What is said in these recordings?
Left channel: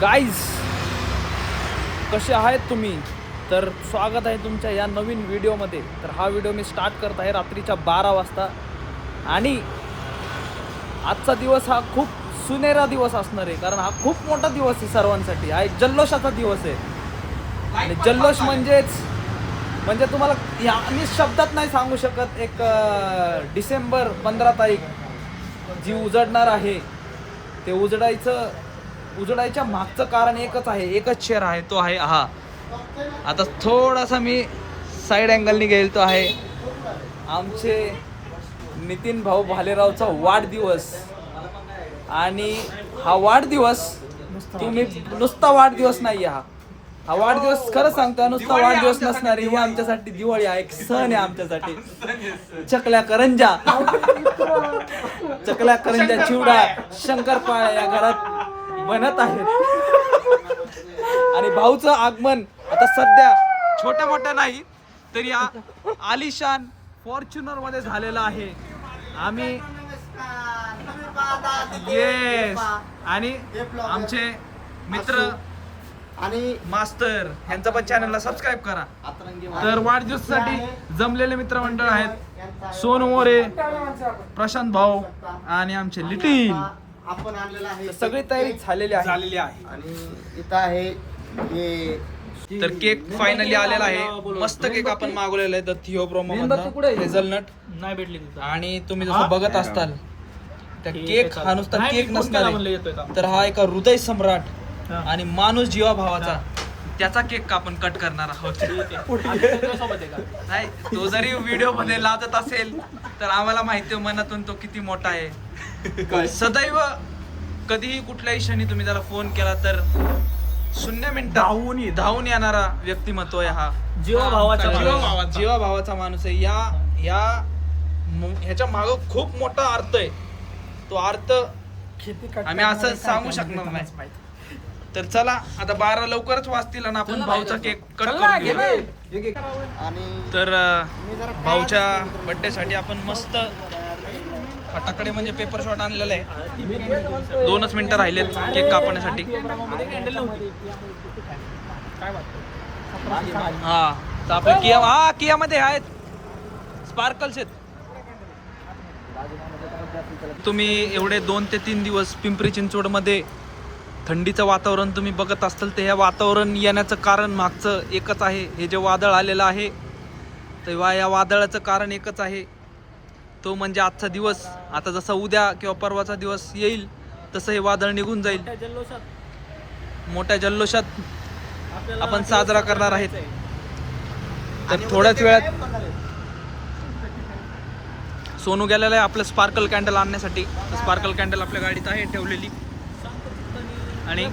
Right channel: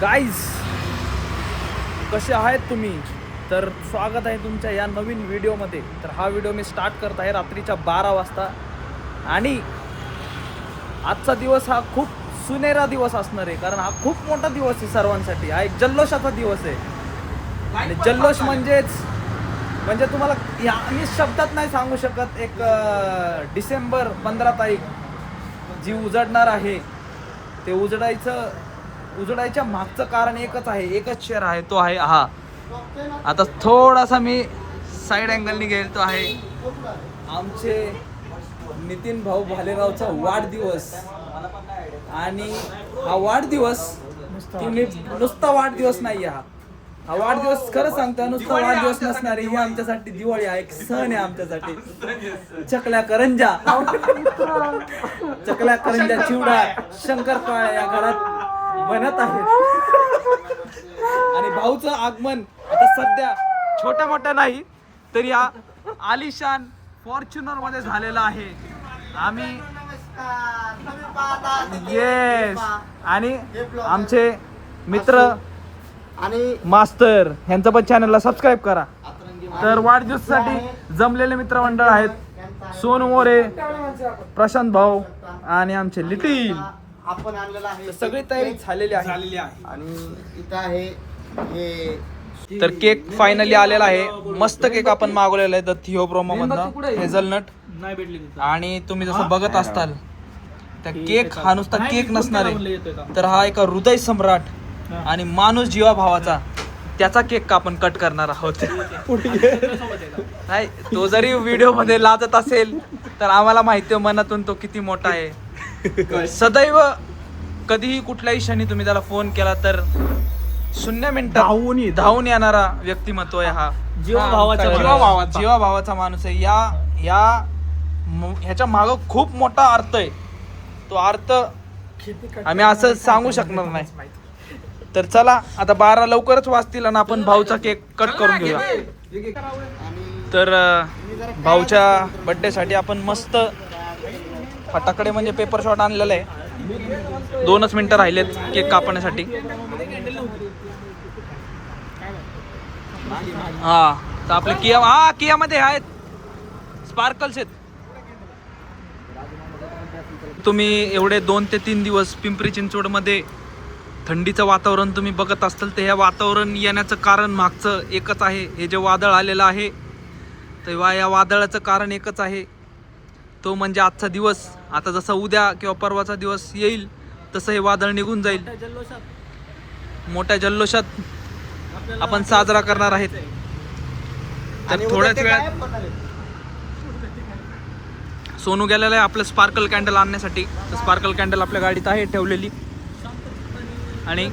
Guys कसे आहेत तुम्ही? तर स्वागत आहे तुमच्या या नवीन व्हिडिओमध्ये. तर हा व्हिडिओ मी स्टार्ट करत आहे रात्रीच्या 12 वाजता. आणि आजचा दिवस हा खूप सुनहरा दिवस असणार आहे, कारण हा खूप मोठा दिवस आहे सर्वांसाठी. हा एक जल्लोषाचा दिवस आहे. आणि जल्लोष म्हणजे तुम्हाला मी शब्दात नाही सांगू शकत. एक डिसेंबर 15 तारीख जी उजडणार आहे, ते उजडायच्या मागचं कारण एकच आहे, एकच शेर आहे, तो आहे हा. आता थोडासा मी साईड अँगलनी गेलो, तो आहे आमचे नितीन भाऊ भालेरावचा वाढदिवस. आणि हा वाढदिवस तुम्ही नुसता वाढदिवस नाही, हा वाढदिवस खरं सांगतो नुसता वाढदिवस नसणार आहे. ही आमच्यासाठी दिवाळी आहे, एक सण आहे आमच्यासाठी. चकल्या करंजा चिवडा शंकरपाळ्या या घरात बनत आहेत. आणि भाऊचं आगमन आता सध्या छोट्या मोठ्या नाही तरी या आलिशान फॉर्च्युनर मध्ये झालेला आहे. आम्ही येस आणि आमचे मित्र आणि मास्टर यांचं पण चॅनलला सबस्क्राईब करा. तर वाढदिवसासाठी जमलेले मित्रमंडळ आहेत सोनू मोरे, प्रशांत भाऊ आणि आमचे लिटिल. आपण आणलेला आहे, सगळी तयारी झालेली आहे. आणि इथं आहे हे. तर केक फायनली आलेला आहे. मस्त केक आपण मागवलेला आहे द थिओ प्रोमो मधनं, हेझलनट नाही भेटली. आणि तुम्ही जसं बघत असताल त्या केक हा नुसता केक नसणार आहे, तर हा एका हृदय सम्राट आणि माणूस जीवाभावाचा त्याचा केक आपण कट करणार आहोत. नाही, तो जरी व्हिडिओ मध्ये लाजत असेल तर आम्हाला माहिती आहे मनातून तो किती मोठा आहे. सदैव कधीही कुठल्याही क्षणी तुम्ही त्याला फोन केला तर 0 मिनिटं धावून येणारा व्यक्तिमत्व आहे हा. जीवाभावाचा माणूस आहे. ह्याच्या माग खूप मोठा अर्थ आहे. तो अर्थ आम्ही असं सांगू शकणार नाही. तर चला आता 12 लवकरच वाजतील आणि आपण भाऊचा केक कट करून घेऊया. तर भाऊच्या बर्थडे साठी आपण मस्त फटाकडे म्हणजे पेपर शॉट आणलेला आहे. 2च मिनिटं राहिलेत केक कापण्यासाठी. हा तर आपले किया मध्ये आहेत स्पार्कल्स आहेत. तुम्ही एवढे 2 ते 3 दिवस पिंपरी चिंचवड मध्ये थंडीचं वातावरण तुम्ही बघत असताल, तर हे वातावरण येण्याचं कारण मागचं एकच आहे. हे जे वादळ आलेलं आहे, तेव्हा या वादळाचं कारण एकच आहे, तो म्हणजे आजचा दिवस. आता जसा उद्या किंवा परवाचा दिवस येईल तसं हे वादळ निघून जाईल. मोठ्या जल्लोषात आपण साजरा करणार आहेत. तर थोड्याच वेळात सोनू गेलेला आहे आपलं स्पार्कल कॅन्डल आणण्यासाठी. तर स्पार्कल कॅन्डल आपल्या गाडीत आहे ठेवलेली. आणि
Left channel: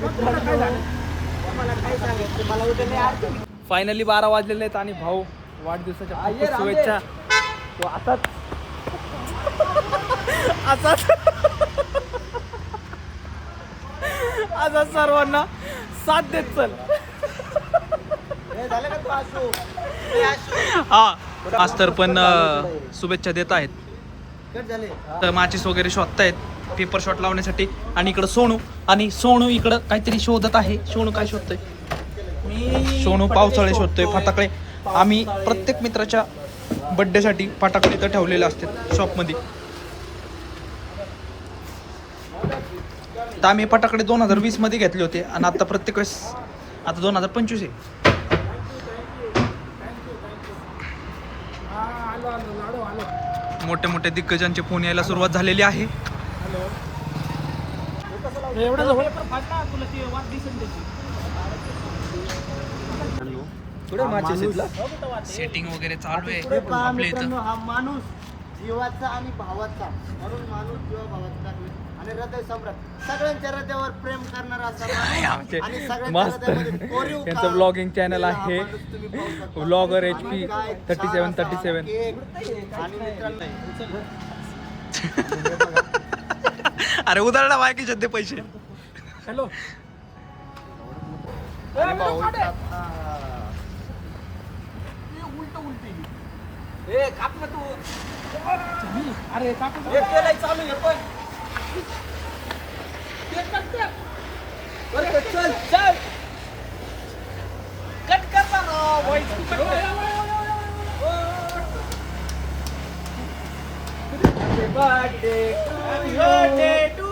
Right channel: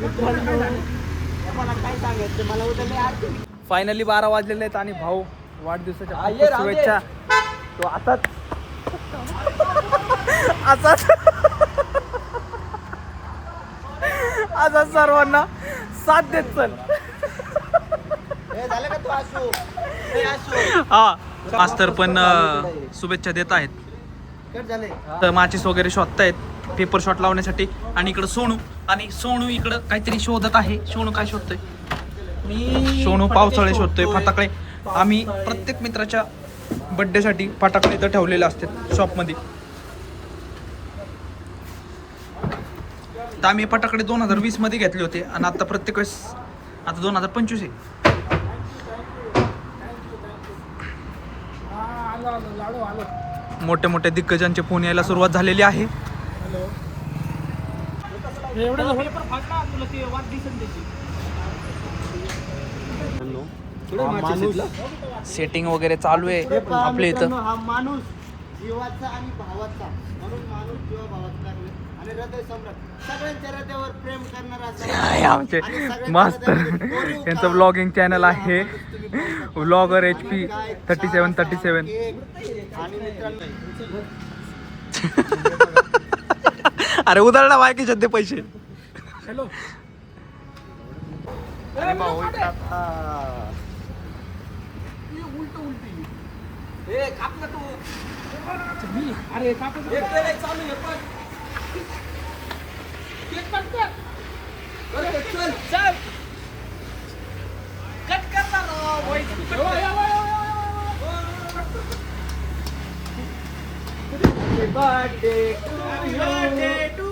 फायनली 12 वाजलेले आहेत आणि भाऊ वाढदिवसाच्या खूप शुभेच्छा. तो आताच सर्वांना साथ देत चल. हा आज तर पण शुभेच्छा देत आहेत. तर माचीस वगैरे शोधतायत पेपर शॉट लावण्यासाठी. आणि इकडं सोनू इकडं काहीतरी शोधत आहे. सोनू काय शोधतोय? सोनू पावसाळे शोधतोय, फटाकडे. आम्ही प्रत्येक मित्राच्या बर्थडे साठी फटाकडे इथं ठेवलेले असतात शॉप मध्ये. तर आम्ही फटाकडे 2020 मध्ये घेतले होते आणि आता प्रत्येक वेळेस आता 2025 आहे. मोठे मोठे दिग्गजांचे फोन यायला सुरुवात झालेली आहे. सेटिंग वगैरे चालू आहे आपल्या इथं. हा माणूस जीवाचा आणि भावाचा, म्हणून माणूस जीवा भावाचा आणि हृदय सम्राट, सगळ्यांच्या हृदयावर प्रेम करणारा आमचे मस्त यांचं ब्लॉगिंग चॅनल आहे व्लॉगर HP 3737. आणि मित्रांनो अरे उदाहरणा बायकी सध्या पैसे. हॅलो अरे चालू चल चल कट कर Happy birthday to you.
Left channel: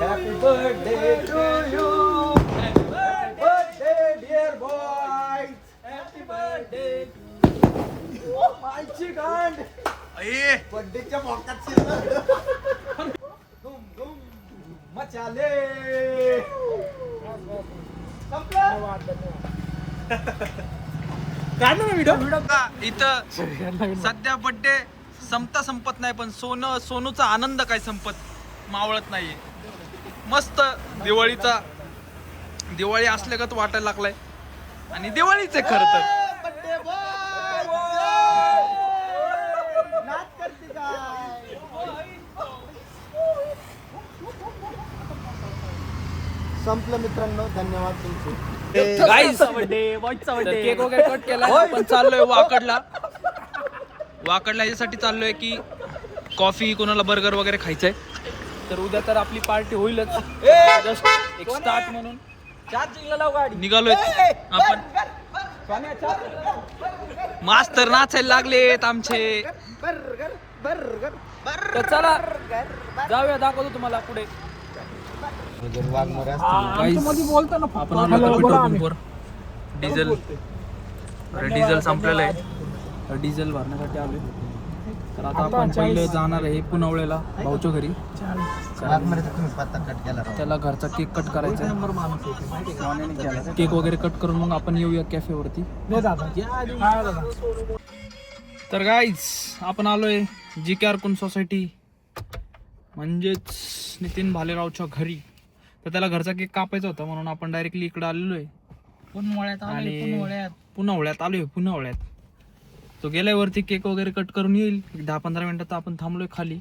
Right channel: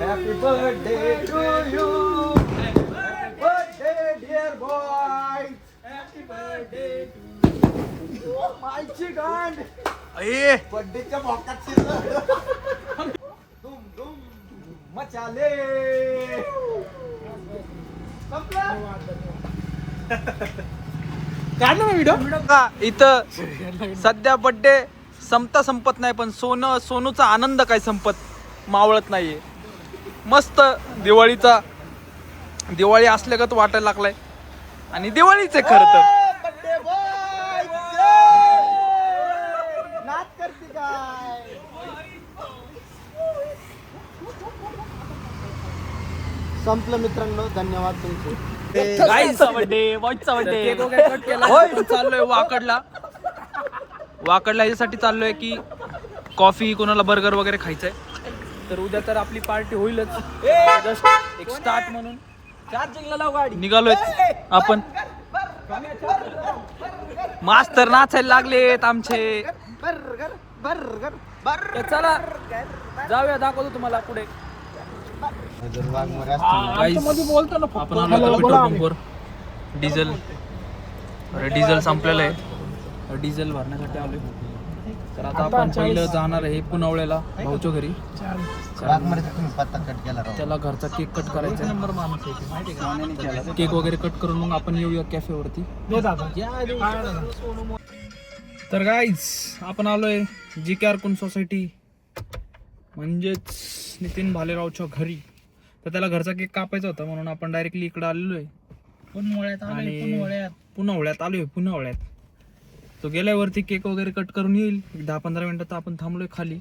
Happy birthday to you. Happy birthday, dear boy. Happy birthday to you. Oh my chicken. अये बर्थडेच्या भोकात शिरलं. धूम धूम मचाले. इथं सध्या बर्थडे संपत नाही, पण सोनूचा आनंद काय संपत मावळत नाहीये. मस्त दिवाळी असल्यागत वाटायला लागलाय आणि दिवाळीच आहे खरं तर. संपलं मित्रांनो, धन्यवाद तुमचे. केक वगैरे कट केलाय. आपण चाललोय वाकडला याच्यासाठी चाललोय की कॉफी, कोणाला बर्गर वगैरे खायचंय. तर उद्या तर आपली पार्टी होईलच. जस्ट एक स्टार्ट म्हणून निघालोय आपण. मास्तर नाचायला लागलेत आमचे. तर चला जाऊया, दाखवतो तुम्हाला पुढे. आपण आलो पेट्रोल पंपवर. डिझेल संपलेलं आहे. डिझेल भरण्यासाठी आलोय. तर आता आपण पहिलं जाणार आहे पुनवळ्याला भाऊच्या घरी. त्याला घरचा केक कट करायचा. केक वगैरे कट करून मग आपण येऊया कॅफेवरती. तर गाईज आपण आलोय GKR कुन सोसायटी म्हणजेच नितीन भालेरावच्या घरी. तर त्याला घरचा केक कापायचा होता म्हणून आपण डायरेक्टली इकडे आलेलो आहे. पुनवळ्यात तो गेलाय वरती. केक वगैरे कट करून येईल. 10-15 मिनिटात आपण थांबलोय खाली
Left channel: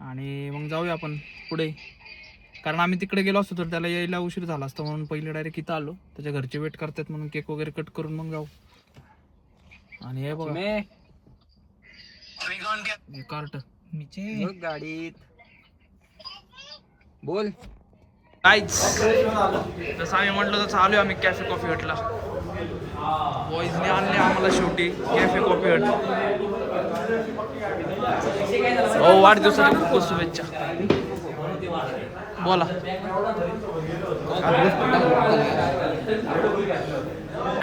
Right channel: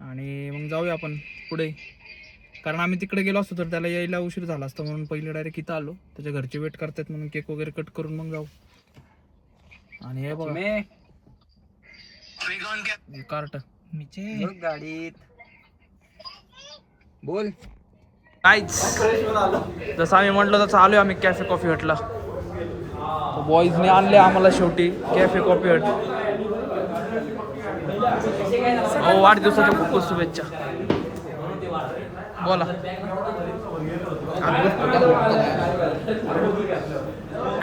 आणि मग जाऊया आपण पुढे. कारण आम्ही तिकडे गेलो असतो तर त्याला यायला उशीर झाला असता म्हणून पहिले डायरेक्ट इथं आलो. त्याच्या घरचे वेट करतात म्हणून केक वगैरे कट करून मग जाऊ. आणि हे बघा कार्ट गाडीत बोल. काहीच जसं आम्ही म्हटलं तसं आलोय आम्ही कॅफे कॉफी हटला. बॉईजने आणले आम्हाला शेवटी कॅफे कॉफी हट. हो, वाढदिवसाच्या खूप खूप शुभेच्छा. बोला.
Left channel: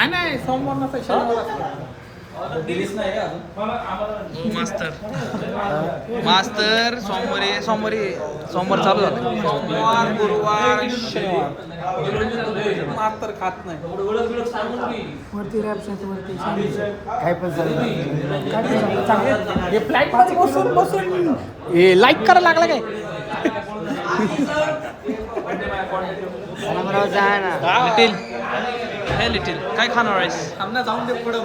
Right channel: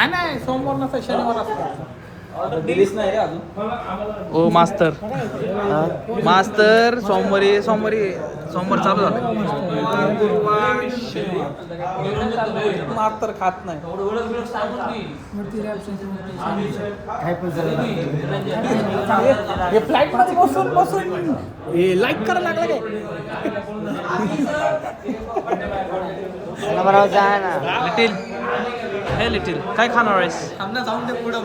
नाही सोमवार शनिवार ओ मास्तर सोमवार चालू झालं. खात नाही लाईक करायला लागला काय. लिटिल काय खाणार आहेस. आमना जाऊन दे पुढं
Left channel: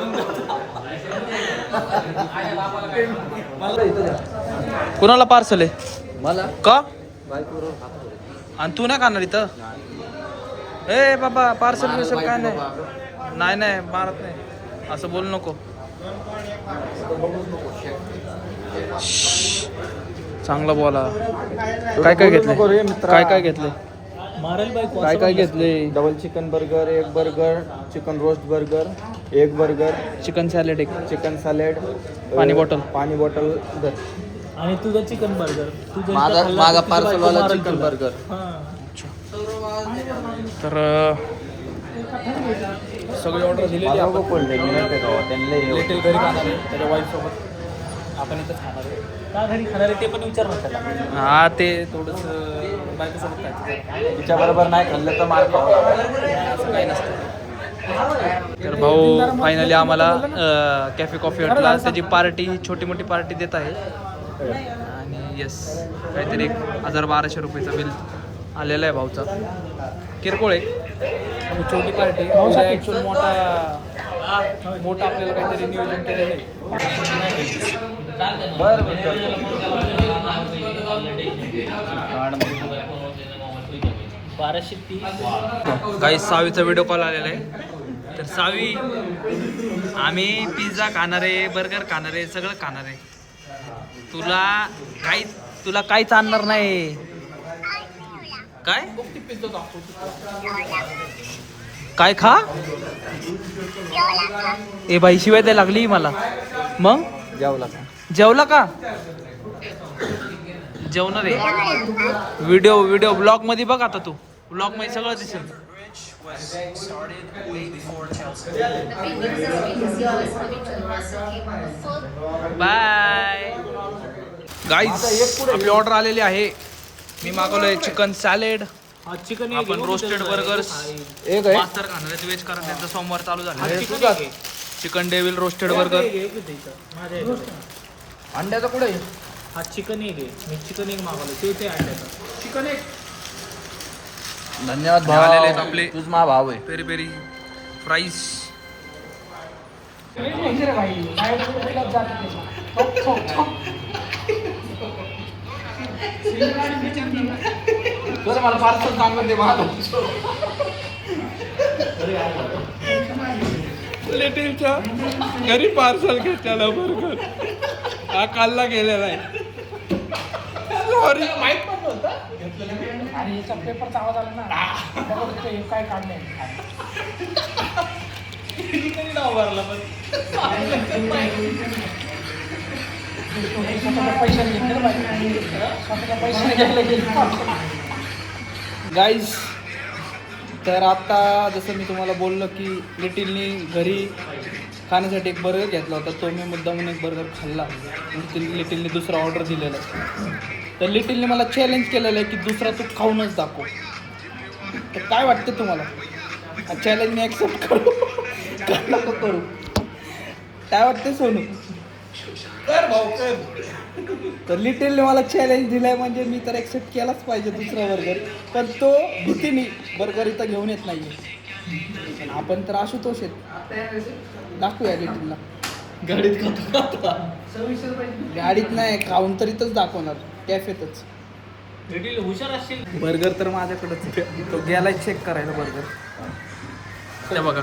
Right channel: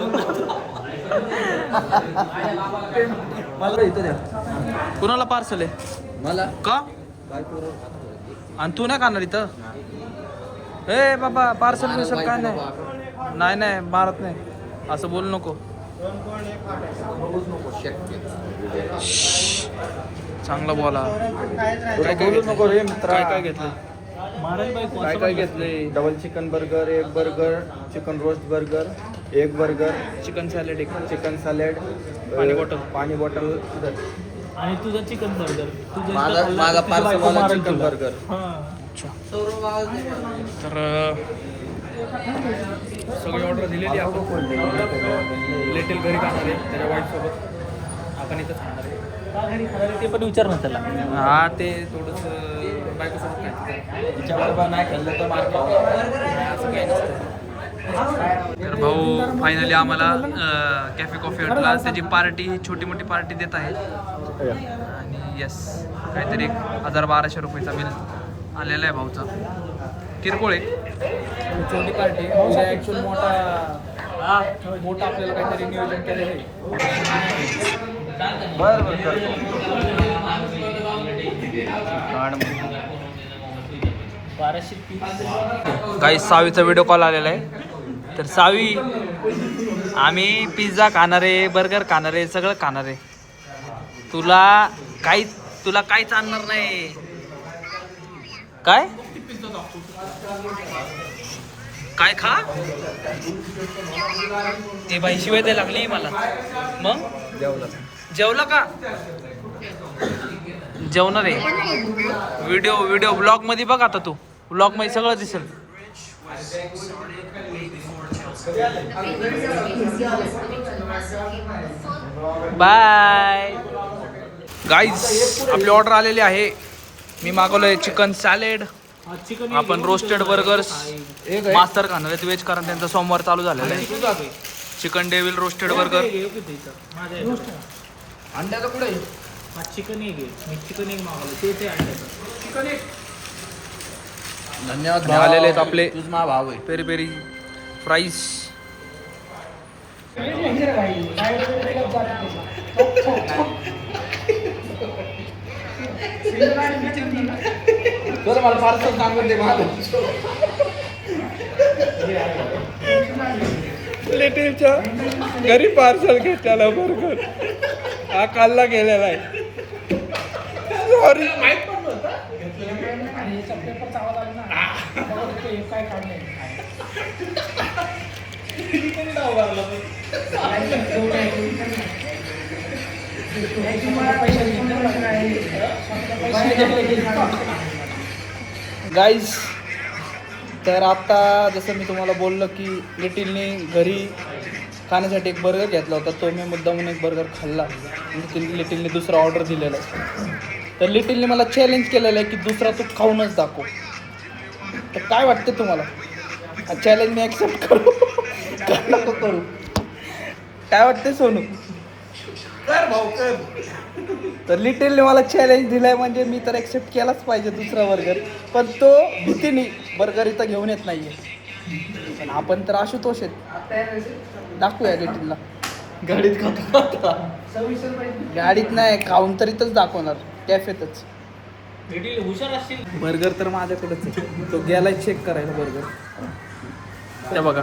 मला इथं द्या. कोणाला पार्सल आहे मला का. आणि तू नाही खाणार इथं. ए बाबा पार्सल बिर्सल काय नाही मारत नाही असं बोलू नको. चांगला बोला. काय घेतलं काय घेतले. डबल चिकन बर्गर, एक बर्गर, चिकन रोस्ट बर्गर, एक बर्गर, चिकन सॅलेड, एक चिकन सॅलेड, पाणी बॉटल आणि तुझं चिकन बर्गर. Chicken burger. तर सगळी ऑर्डर दिलेली आपण. लिटिल घरी खाणार आहे त्याच्या वाईफ सोबत. आपण इथंच खाणार आहे. घरी खाणार आहे ते पण विचार नसेल. हा ते थोडंसं बायकोसोबत खायचं. तिच्याबरोबर नाही खाल्लं तर मार्क असं काही नसतं. तर भाऊ फायनली आम्हाला कॅफे कॉफी हटला त्याची पार्टी, छोटी मोठी पार्टी देत आहे. आणि येस काहीतरी 1000-1200 रुपयेचा बिल आलेला आहे भाऊचा. किरकोळ आहे छोटी पार्टी. उद्या ॲक्च्युअल मोठा आपल्याला काहीतरी नियोजन केलेलं आहे. बरं काही सावीचा व्हिडिओ कॉल आलेला आहे. तर सावी आम्ही पिझ्झा खाणार आहे, बर्गर खाणार आहे, सगळं खाणार आहे. तुला काहीच आणणार नाही. काय काय खा ए बाई शिवाय तर लागली मला मग जेवला का जेवणार आहे व्हिडिओ ब्लॉग मध्ये बघ आता तू ब्लॉग मध्ये सगळं दिसेल बाय गाईज आपली ऑर्डर आलेली आहे मी मागवलंय चिकन सॅलेड आपण रोस्टेड बर्गर्स मास्तर खाणार आहेत व्हेज कारण त्यांचा सोमवार चालू झालेला आहे चिकन डेव्हिल रोस्टेड बर्गर अंड्याचा कुठे हा चिकन एक आहे मी चिकन एक मागवलं ते अंड्याचं चिकन एक धन्यवाद आलेले आहेत आपले तुझ मा भाव आहे पेरी पेरी फ्राईज तर मला पार्सल सांगून दे महाग लिटिलच्या घरी पार्सल घेतलेला बर्गर हा कालला गेलेला आहे सॉरी आणि याचा पेपर चांगला झाला ना काय काढले गाईज तर आता जसं मी तुम्हाला बोललो की लिटिलने घरी खाण्यासाठी एक बर्गर घेतला होता तो मी मुद्दामून एक बर्गर खाल्ला आणि लिटिलने दुसरा ऑर्डर दिलेला तर लिटिलने मला चॅलेंज केलेलं आहे की दुसरा तू खाऊनच दाखव तर काय वाटतं तुम्हाला चॅलेंज मी ॲक्सेप्ट करू का नको करू काय वाटतं सोनू कर भाऊ कर. तर लिटिलने मला चॅलेंज दिलाय म्हणजे मी तर ॲक्सेप्ट केलाच पाहिजे दुसरा बर्गर पण तो भीतीने बर्गर इथं घेऊन येत नाहीये पण आपण तर आशुतोष आहेत दाखवूया लिटिलला गाडीत खातो गाडीत नाही खाऊन तर इथंच दाखवणार कॅफेतच हुशार असतील बर्गर तर माझ्याकडेच आहे. तो गेलाय चेक करायला बर्गर त्या बघा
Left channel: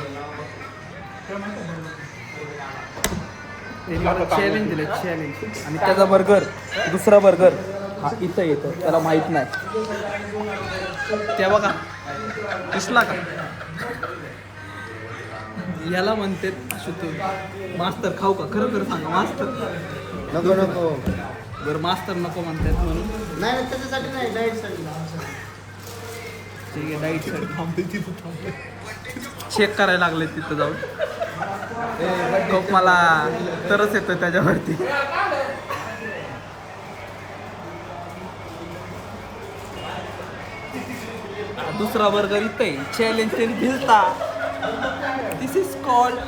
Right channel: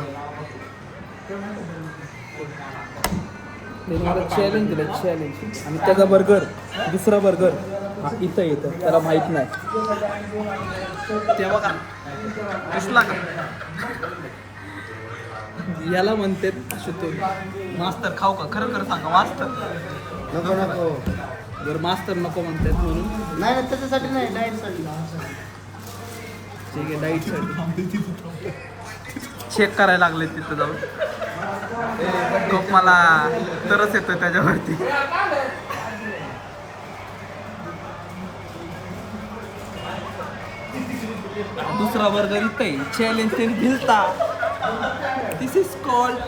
त्याने मला चॅलेंज दिलं चॅलेंज आणि त्याचा बर्गर दुसरा बर्गर हा इथं येतं त्याला माहीत नाही ते बघा दिसला का याला म्हणते मास्तर खाऊ का खरं खरं सांगा मास्तर नको नको बरं मास्तर नको म्हणतात म्हणून नाही नाही त्याच्यासाठी नाही डाएटसाठी ठीक आहे डाईटसाठी चेक करायला लागले तिथं जाऊन खूप मला तरच येतं त्याच्यावरती दुसरा बर्गर इथे चॅलेंज त्यांनी दिलता दिस इज कॉल्ड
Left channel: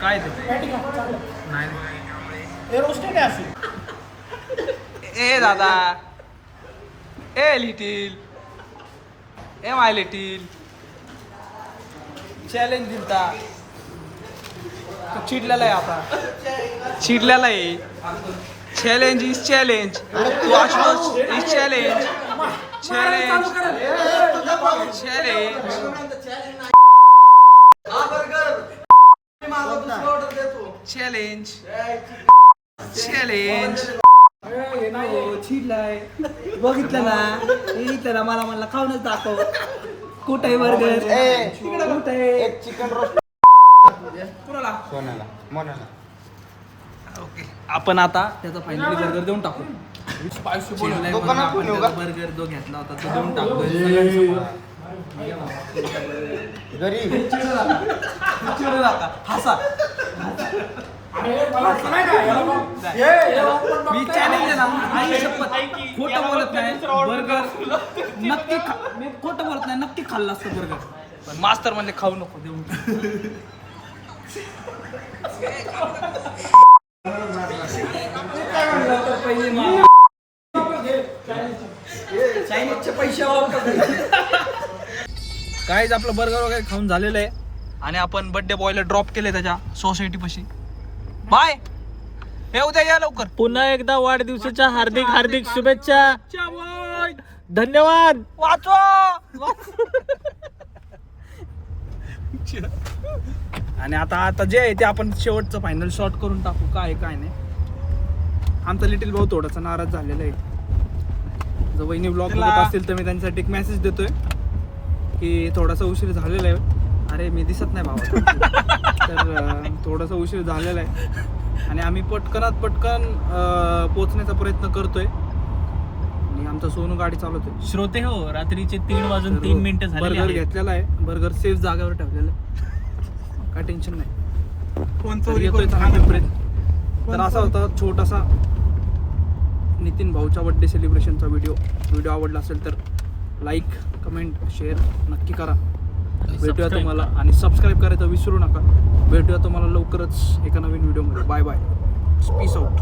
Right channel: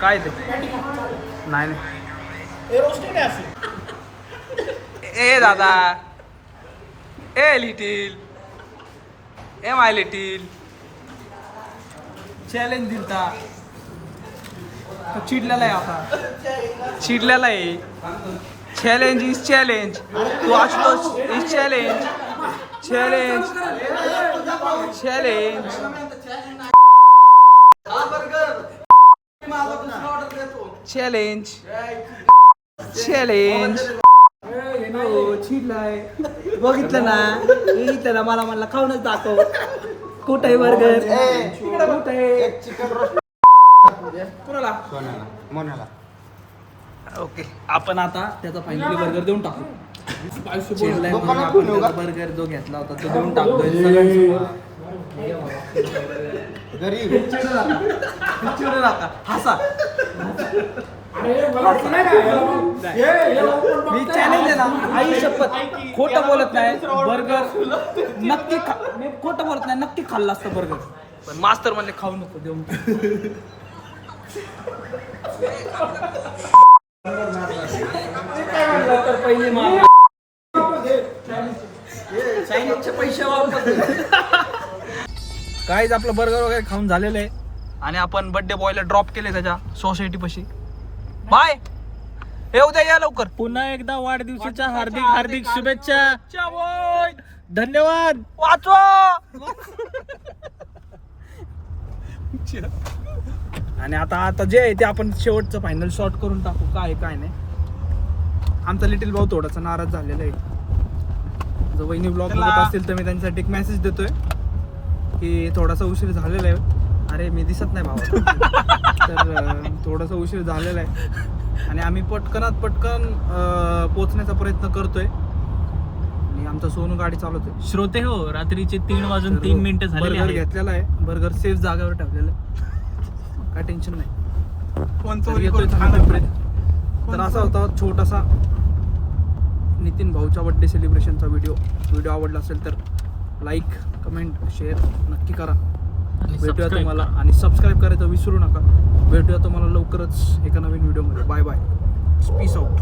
काय ते नाही ए दादा a little a my little challenge दिलता तो चिडलेला आहे आता चिडलेला आहे चॅलेंज इज चॅलेंज तू Ashutosh is challenge challenge challenge challenge challenge चिडलाय बघितलं ना मला म्हणला खाऊनच दाखव कुठं आहे बर्गर कुठे चिकन रोस्ट कुणाला म्हणाला ओके आपण आता त्याचा फायनली बर्गर देऊन टाकू चिडलाय म्हणून आपण त्याचा बर्गर जो घेतला होता तो देऊन टाकतोय सगळ्यांसमोर गरीब चिडू नका हसा मी चॅलेंज आहे ना आई शपथ खोटं बोलत नाही बर्गर नक्की मी खोटं बोलत नाही नक्की खाल्लं असतं बर्गर पण मास्तर म्हणजे खाऊ नको देऊन चायनीजचे पैसे काहीच आपलं बर्गर वगैरे खाऊन झालेलं आहे आणि आपण बर्थडे बॉयला ड्रॉप केले त्याच्या सोसायटी पाशी बाय हे उद्या या लवकर पुन्हा एकदा वाढदिवसाच्या हार्दिक हार्दिक शुभेच्छा धन्यवाद वाचवा आणि आता जे आहे ते आपण शेवटचं फायनल शॉट करून टाकू काय काय नाही आमचा लिटिल भाऊ थोडासा नाराज झालेला आहे. जर वहिनी ब्लॉग बघत असतील तर मी त्यांच्यासाठी एक मेसेज देतोय की थोडासा उशीर झालेला आहे. अरे मी दिसत नाही भावा. तर थोडासा उशीर झालेला आहे आणि आम्ही पटकन पोचण्याचा प्रयत्न करतोय आणि आमचा सोनू गाडी चालवतोय. श्रोते हो, रात्रीचे 3:03 झाले बर्गर घेतलेला आहे. बर्गर सेफ जागेवर ठेवलेलं आहे, काय टेन्शन नाही. तर येतोय चांगला पिंपरीत. तर असा होता छोटासा नितीन भाऊच्या बर्थडे सेलिब्रेशनचा व्हिडिओ आवडला असेल तर लाईक, कमेंट, शेअर नक्की करा. भेटूया तुम्हाला आणि सबस्क्राईब करायचं विसरू नका. भेटूया तुम्हाला लवकरच एका नवीन व्हिडिओमध्ये. Bye bye, peace out.